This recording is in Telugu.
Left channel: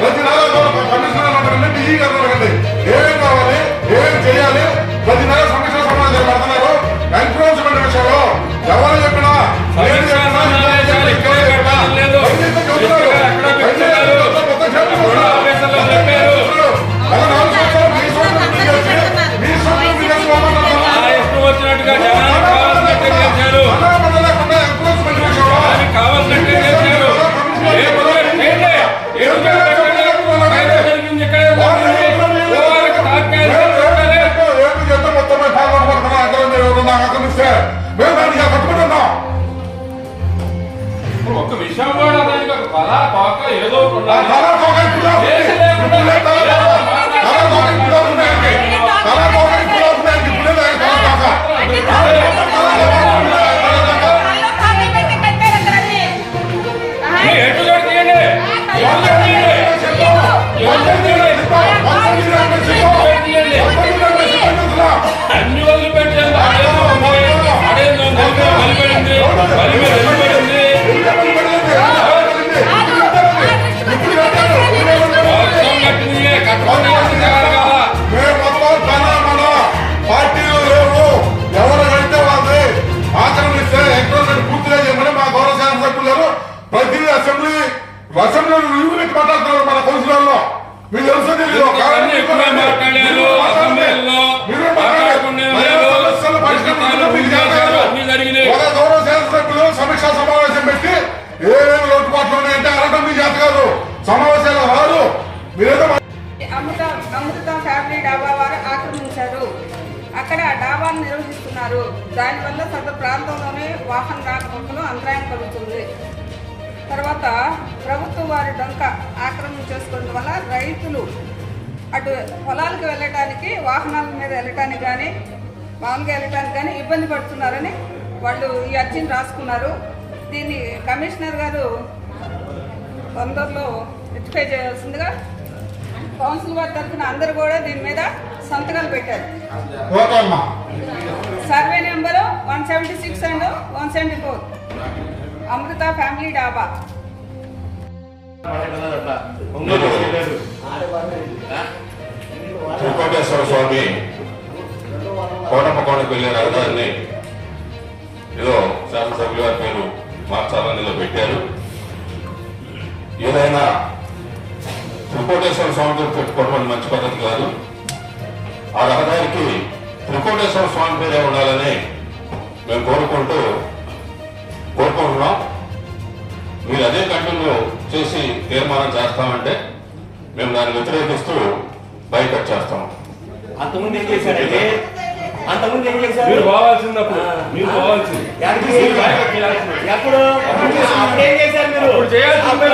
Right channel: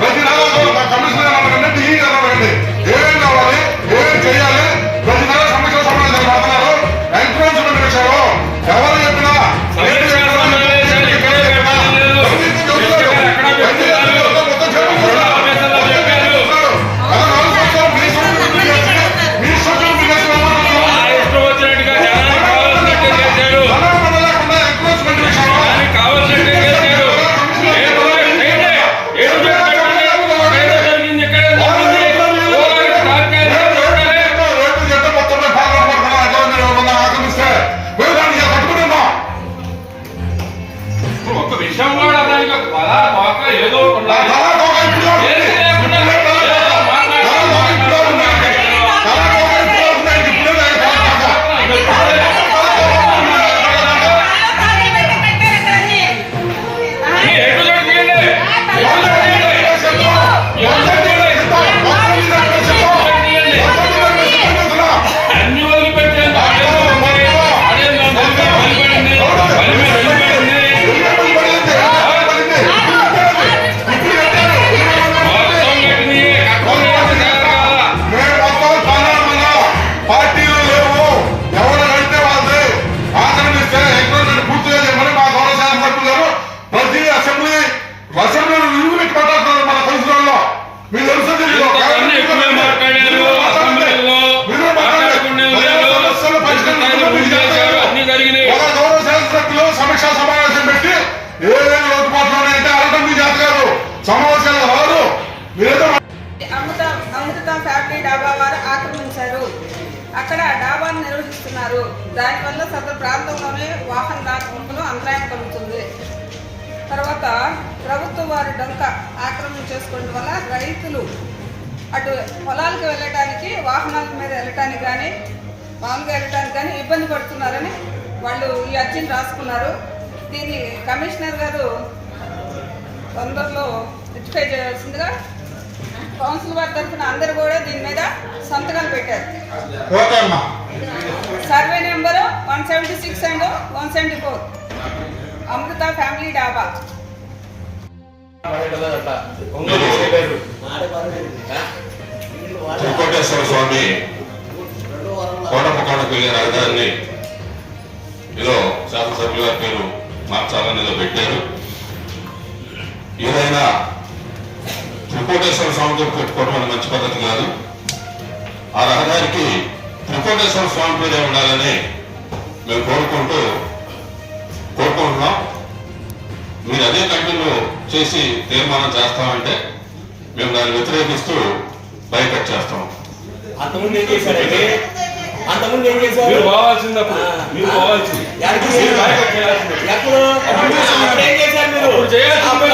ప్రతి నెల కమిషనర్ ఢిల్లీ అన్నారండి ఏం కావాలి ఏం చేయాలి ప్రతి నెల సమీక్ష సమావేశాలు మాట్లాడారు ఎంక్రోచ్మెంట్ విషయంలో ఎవరు చెప్పినా ఒక్క విషయం కూడా దానికి ఒక కళ తోక ఏదో అన్ని వదిలిపెట్టాను పార్టీలో లేవు ఎవరైతే వాళ్ళది ఆక్రమిస్తే ఎంక్రోచ్మెంట్ పూర్తిగా చేయమని మా గౌరవ శాసనసభ్యులు గారు ప్రతి అసెంబ్లీలో విలువ పెట్టి మాట్లాడుతున్నారు మన కౌన్సిలర్లో మీరు తెలుసు గౌరవ శాసనసభ్యులు సమీక్షా సమావేశం పెట్టి ఏదైనా లోటుపాట్లు ఉన్నాయంటే అనడం మీ జాతి కాదు సమావేశాలు రాదు మీరేదో అమృత ఫ్యామిలీ డాబా వారు ఆక్రమించారు. అక్కడ డాబాను నిర్వహిస్తున్నారు. దానివల్ల సదరు ప్రాంతంలోనే వాహన రాకపోకలు అంతరాయం కలుగుతుంది. తర్వాత ప్రభుత్వ వారు డొంక ఆక్రమణ చేసుకోవడం వల్ల రైతులు అటు పొలాలకు వెళ్ళటానికి వాహనాల మీద వెళ్ళటానికి కానీ మామూలుగా వెళ్ళటానికి కానీ ఇబ్బంది పడుతున్నారని వాళ్ళు ఈ అర్జీని రాసుకున్నారు. దీన్ని కమిషనర్ గారు తొందరలో రెక్టిఫై చేయాల్సిందిగా కౌన్సిల్ వారి తరఫున అందరూ కూడా దీని మీద సంతకాలు పెట్టారు. Survey number 176 and 174 Amrutha family dhaba. Venkateshwara స్వామి కోటపకోటకు వెళ్ళే రహదారిని ఏదో శాసనసభ్యుల గారి పేరు మార్చాలని ఏదో పెట్టారు. ఏదైనా త్రికోటేశ్వర స్వామితో పెట్టుకోవడం మంచి పద్ధతి కాదు. ఆ రహదారికి త్రికోటేశ్వర స్వామి పేరే ఉండాలని మేము కోరుకుంటున్నాం. మీరు అదే కంటిన్యూ చేసి తీర్మానం చేస్తామంటే మేము దాన్ని వ్యతిరేకిస్తూ బైకట్ చేస్తాం. మీరు పోవాల్సింది మీరు చేయాల్సింది